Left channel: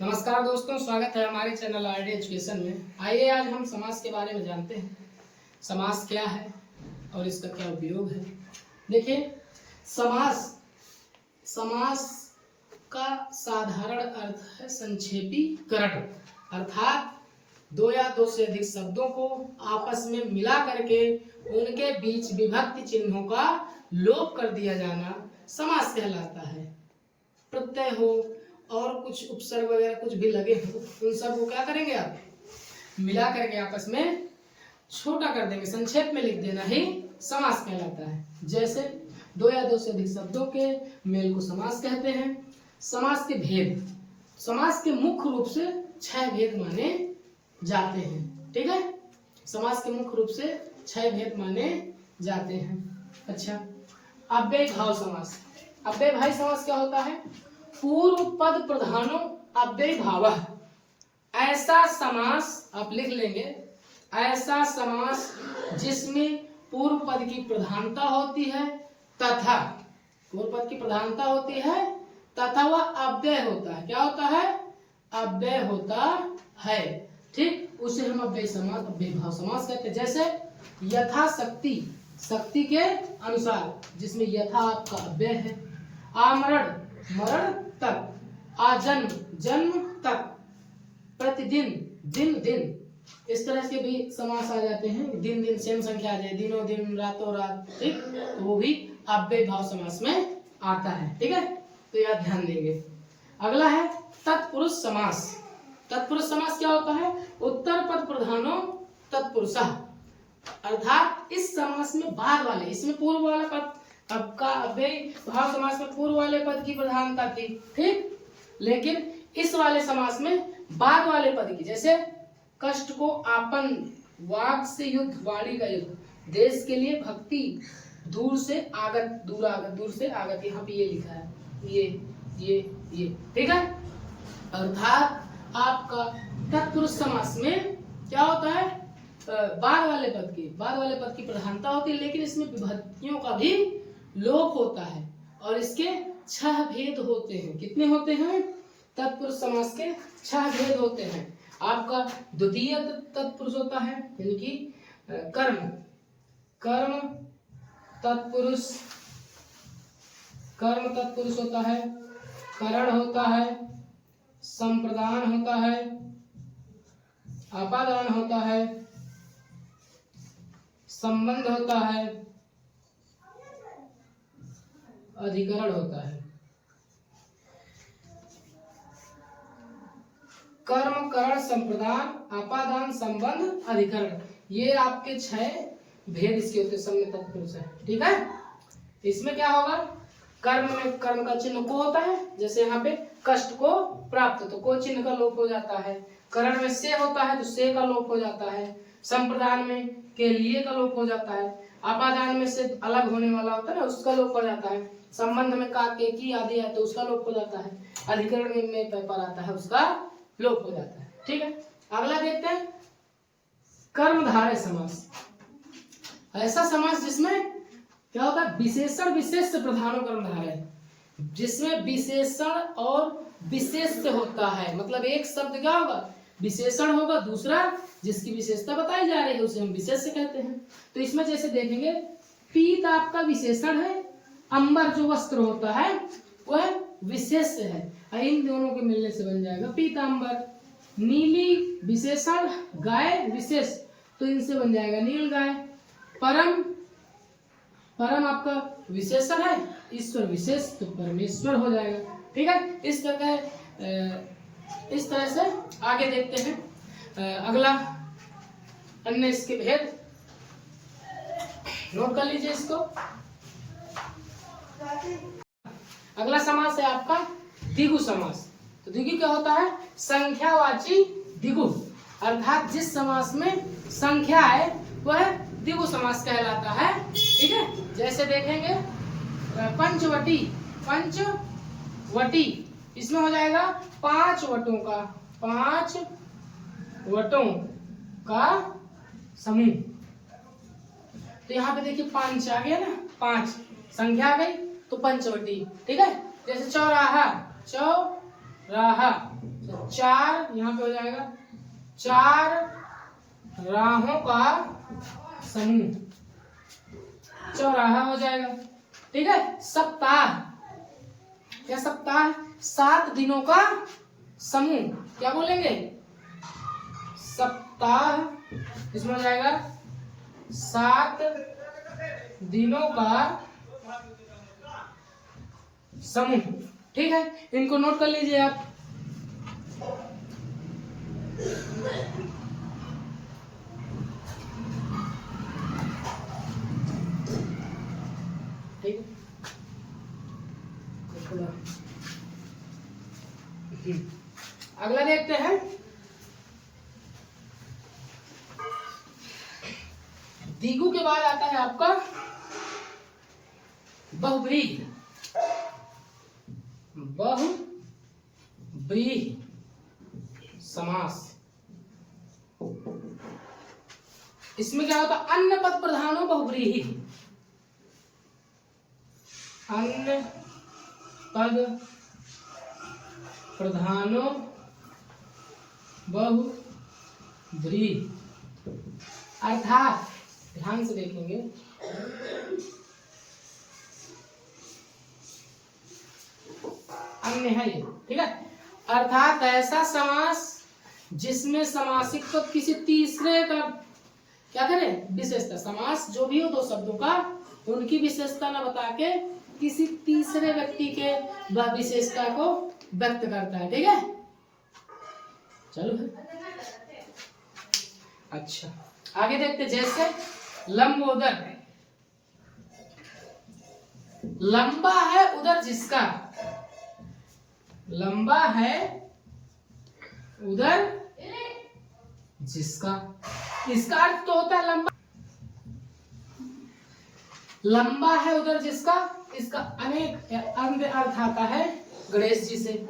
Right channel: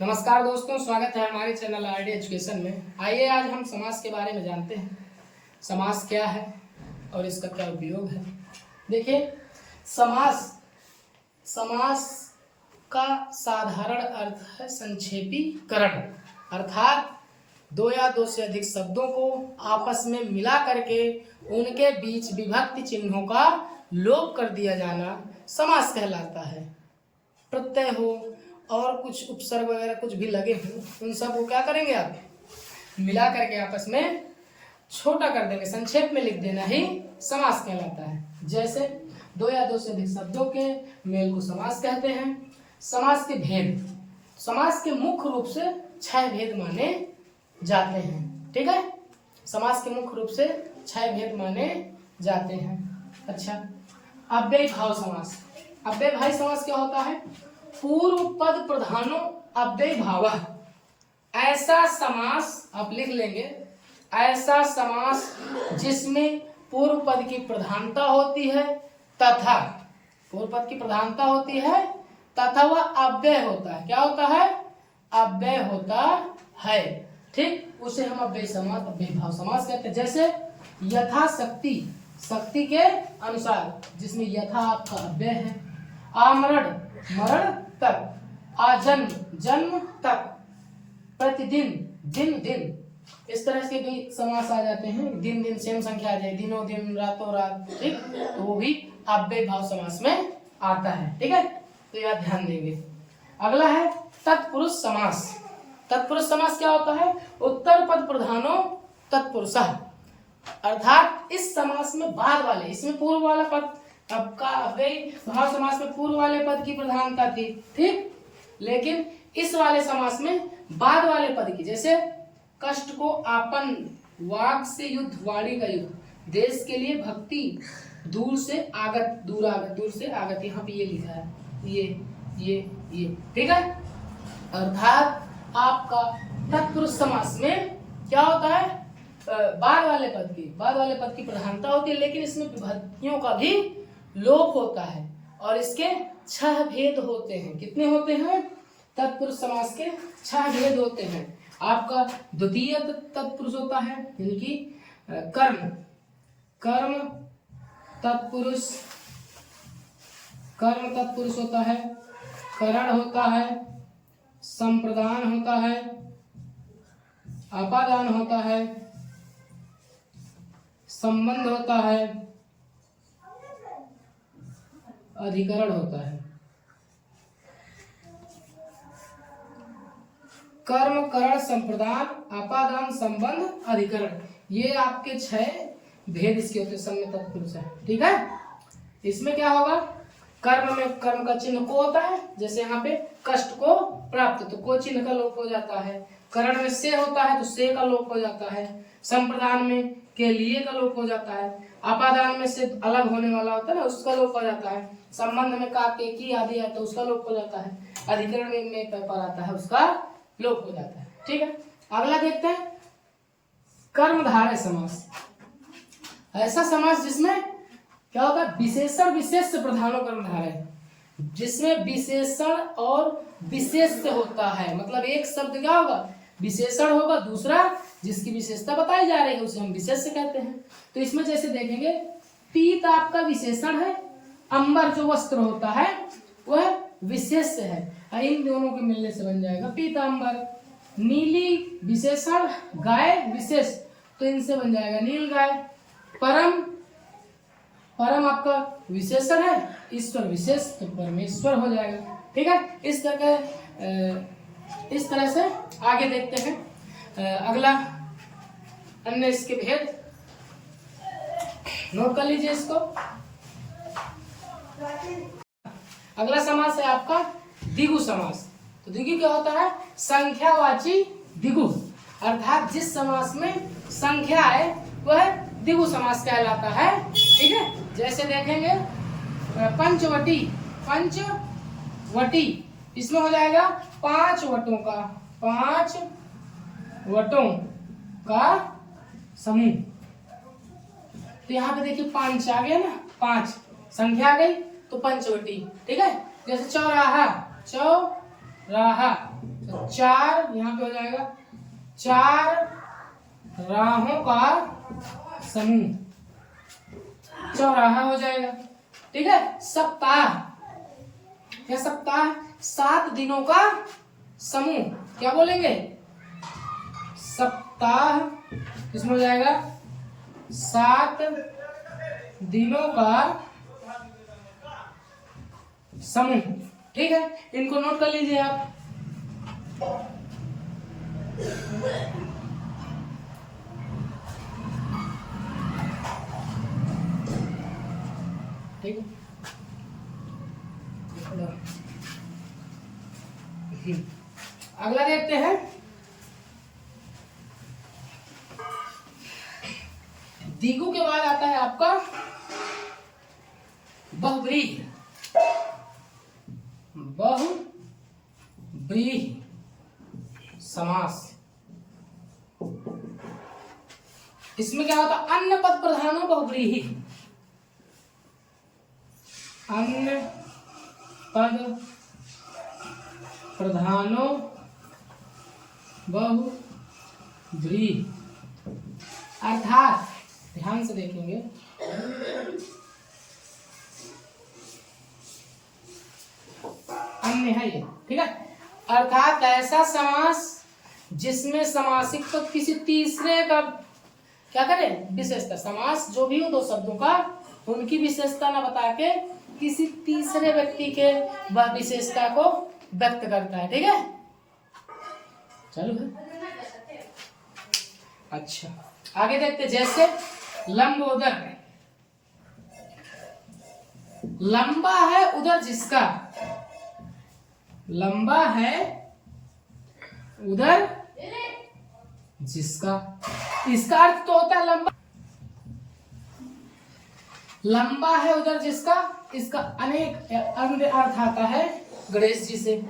नमस्कार दोस्तों, स्वागत है हमारे चैनल आरडी एजुकेशन में। आइए आज हम समास के बारे में जानते हैं। समास क्या है और इसका क्या उपयोग है। देखिए, समास का साधारण अर्थ है संक्षेपीकरण, अर्थात दो या दो से अधिक शब्दों को आपस में मिला करके उनके बीच विभक्ति चिन्हों का लोप कर दिया जाना समास कहलाता है। प्रत्यय हो और कुछ उपसर्ग वगैरह कुछ भी लगे हो, उन सब को क्या करेंगे आप मिला करके आपस में छोटा कर देंगे, संक्षेप में लिख देना ही समास कहलाता है। जैसे दो या दो से अधिक शब्दों के मेल को समास कहते हैं। समास के भेद, समास के मुख्य रूप से 6 भेद माने जाते हैं। ठीक है, समास के मुख्य रूप से 6 भेद माने जाते हैं। अच्छा, अव्ययीभाव समास। अव्ययीभाव समास क्या होता है? पूर्व पद प्रधानो अव्ययीभावः। ऐसा समास आप लिख लेंगे, ऐसा समास जिसमें पूर्व पद की प्रधानता होती है तथा पूर्व पद की प्रधानता होती है तथा वह अव्यय होता है। क्या होता है? अव्यय होता है। ठीक, उसे हम अव्ययीभाव समास कहते हैं। जैसे यथाशक्ति, शक्ति के अनुसार, जिसमें यथा आपका अव्यय है। आमरण, मरण तक। आजन्म, जन्म तक। प्रतिदिन, दिन दिन, इस तरह के भी समास आ जाते हैं। दिन दिन सेम संख्या आ जाए, दिनों दिन, रातों रात। ठीक, तो वो भी अव्ययीभाव समास में आता है। ठीक है, तो यह ध्यान देंगे। अगला है तत्पुरुष समास। तत्पुरुष समास क्या होता है? उत्तर पद प्रधानो तत्पुरुषः, अर्थात इस समास में बाद वाले, इसमें पूर्व वाला पद, आपका अव्ययीभाव समास में पूर्व वाले पद की प्रधानता थी। ठीक, लेकिन इस वाले समास में बाद वाले पद की, जैसे कष्ट को आपन, वाक से युद्ध, वाणी का युद्ध, देश के लिए भक्ति, दूर से आगत, दूर आगत, दूर से आगत, यहाँ पे ये लिखा है, ये। ठीक है, अर्थात आपका तत्पुरुष समास में क्या होता है? बाद वाले पद की प्रधानता होती है, लेकिन इसमें विभक्तियों का भी लोप होता है और इसके 6 भेद होते हैं। कितने होते हैं? तत्पुरुष समास के 6 भेद होते हैं। आपका द्वितीय तत्पुरुष होता है, यानी कि कर्म तत्पुरुष होता है। करण होता है, संप्रदान होता है, अपादान होता है, संबंध होता है, अधिकरण होता है। कर्म, करण, संप्रदान, अपादान, संबंध, अधिकरण, ये आपके 6 भेद इसके होते हैं। तत्पुरुष है। ठीक है, इसमें क्या होगा? कर्म में कर्म का चिन्ह को होता है, जैसे यहाँ पे कष्ट को प्राप्त, तो को चिन्ह का लोप हो जाता है। करण में से होता है, तो से का लोप हो जाता है। संप्रदान में के लिए का लोप हो जाता है। अपादान में से अलग होने वाला होता है ना, उसका लोप हो जाता है। संबंध में का, के, की आदि है, तो उसका लोप हो जाता है। अधिकरण में पर आता है, उसका लोप हो जाता है। ठीक है, अगला देखते हैं कर्मधारय समास। ऐसा समास जिसमें क्या होता है? विशेषण विशेष प्रधानो कर्मधारय, जिसमें विशेषण और विशेष होता है। मतलब एक शब्द क्या होगा? विशेषण होगा, दूसरा जिसकी विशेषता बताई जा रही है उसे हम विशेष कहते हैं। तो इसमें जैसे देखेंगे, पीत आपका विशेषण है, अंबर जो वस्त्र होता है वह विशेष है। इन दोनों के मिलने से बन जाएगा पीतांबर। नीली विशेषण, गाय विशेष, तो इनसे बन जाएगा नील गाय। परम आपका विशेषण है, ईश्वर विशेष, तो परमेश्वर हो जाएगा। ठीक है, इस तरह से आगे देखते हैं। अगला अन्य इसके भेद नोट कर लीजिए इसको। अगला समास है आपका द्विगु समास। तो द्विगु क्या होता है? संख्यावाची द्विगु, अर्थात जिस समास में संख्या है वह द्विगु समास कहलाता है। ठीक है, जैसे देखेंगे पंचवटी, इसमें हो जाएगा 5 वटों का समूह। तो यहाँ पे देखिए 5 आ गया ना, 5 संख्या आ गई, तो पंचवटी। ठीक है, जैसे चौराहा, 4 यहाँ पे हो जाएगा 4 राहों का समूह, चौराहा हो जाएगा। ठीक है। सप्ताह, क्या सप्ताह? 7 दिनों का समूह, क्या बोलेंगे? सप्ताह। इसमें हो जाएगा 7 दिनों का समूह। ठीक है, इनको नोट कर लीजिए आप। ठीक है, अगला देखते हैं। द्विगु के बाद आता है आपका बहुव्रीहि। बहुव्रीहि समास। इसमें क्या होता है? अन्य पद प्रधानो बहुव्रीहि। अन्य पद प्रधानो बहुव्रीहि, अर्थात ध्यान से देखेंगे, अन्य है ये। ठीक है, अर्थात ऐसा समास जिसमें समासिक पद किसी तीसरे का क्या करे? विशेषता। समास जो भी हो दो शब्दों का, उनकी विशेषता न बता के किसी तीसरे व्यक्ति के वह विशेषता को व्यक्त करता है। ठीक है, चलो है। अच्छा, आगे देखते। जैसे लंब उदर, लंबा है उदर जिसका, लंबा है उदर जिसका, इसका अर्थ तो होता है लंबा, लंबा है उदर जिसका, इसका अनेक अन्य अर्थ आता है गणेश जी से।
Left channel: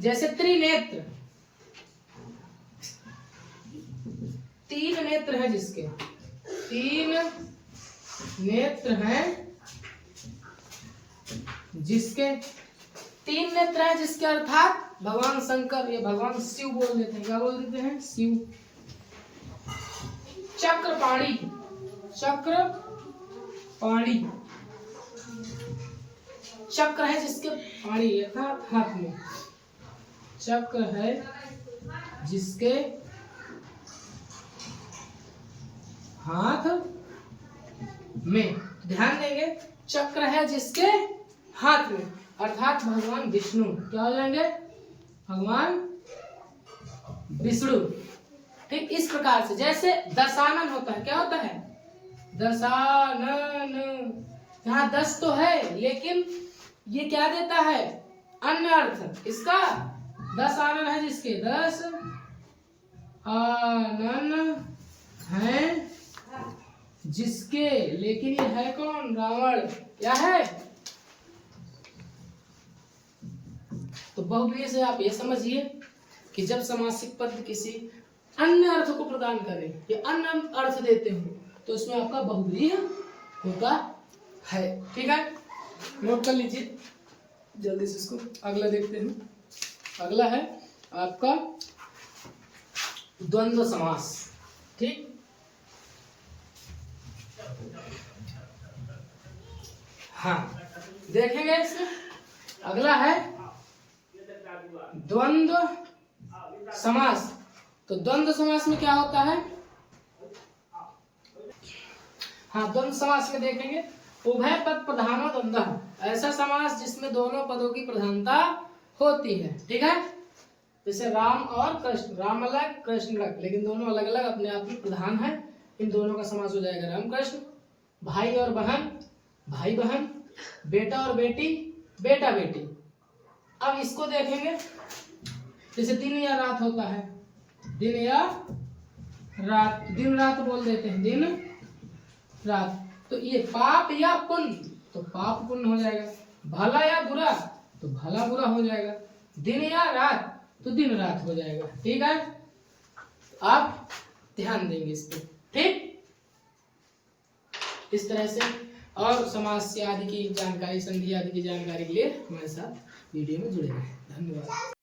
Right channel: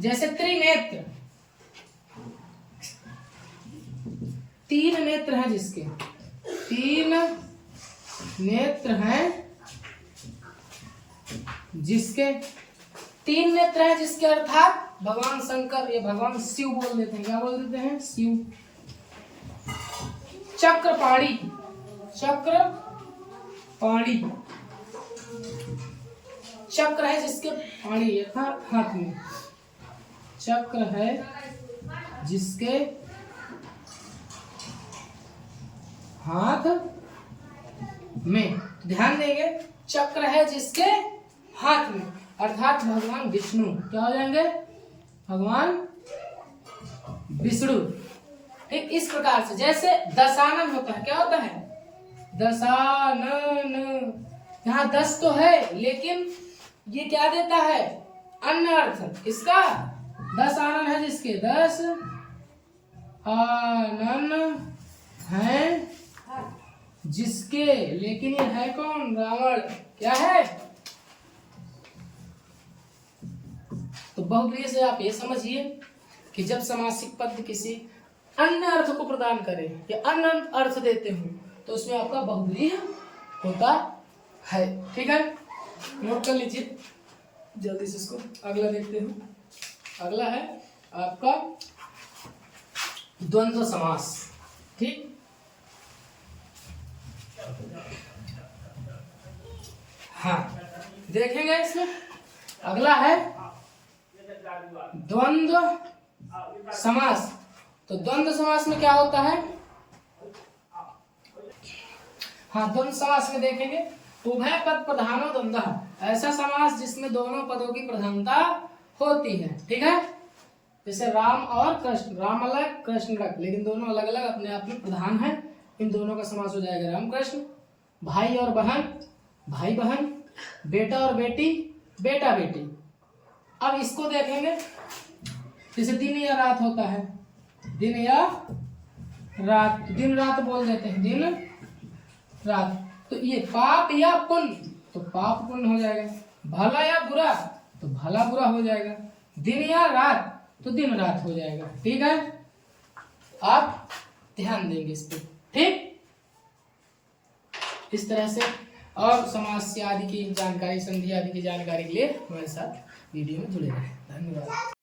जैसे त्रिनेत्र, 3 नेत्र हैं जिसके, 3 नेत्र हैं जिसके, 3 नेत्र हैं जिसके, अर्थात भगवान शंकर या भगवान शिव बोल देते हैं। क्या बोल देते हैं? शिव। चक्रपाणी, चक्रपाणी, चक्र है जिसके पाणी अर्थात हाथ में, चक्र है जिसके हाथ में। ध्यान देंगे, चक्र है जिसके हाथ में, अर्थात भगवान विष्णु। क्या हो जाएंगे? भगवान विष्णु। ठीक इस प्रकार से। जैसे दशानन होता है, क्या होता है? दशानन। यहाँ 10 तो है, लेकिन ये क्या देता है? अन्य अर्थ। इसका 10 आनन है जिसके, 10 आनन है जिसके, लेकिन ये है कौन? रावण। क्या है? तो बहुव्रीहि से आप ये समझिए कि जब समासिक पद किसी अन्य अर्थ को प्रदान करे या अन्य अर्थ देते हो, तो उसमें आपका बहुव्रीहि होता है। ठीक है, नोट कर लीजिए जल्दी से इसको। अगला देखते हैं। अगला है आपका द्वंद्व समास। ठीक, हाँ देखेंगे इसमें। अगला है द्वंद्व समास। तो द्वंद्व समास में क्या होता है? हाँ, द्वंद्व समास में देखेंगे, उभय पद प्रधानो द्वंद्व, ऐसा समास जिसमें दोनों पदों की प्रधानता होती है। ठीक है, जैसे राम और कृष्ण, राम अलग कृष्ण अलग, लेकिन दोनों अलग अलग अपने आप में प्रधान है। इन दोनों का समास हो जाएगा राम कृष्ण। भाई और बहन, भाई बहन। बेटा और बेटी, बेटा बेटी। अब इसको देखेंगे, जैसे दिन या रात होता है, दिन या रात, दिन रात बोल देते हैं, दिन रात। तो ये पाप या पुण्य, तो पाप पुण्य हो जाएगा। भला या बुरा, तो भला बुरा हो जाएगा। दिन या रात, तो दिन रात हो जाएगा। ठीक है, आप ध्यान देंगे इस पे। ठीक, इस तरह से। और समास आदि की जानकारी, संधि आदि की जानकारी के लिए हमारे साथ वीडियो में जुड़े रहें। धन्यवाद।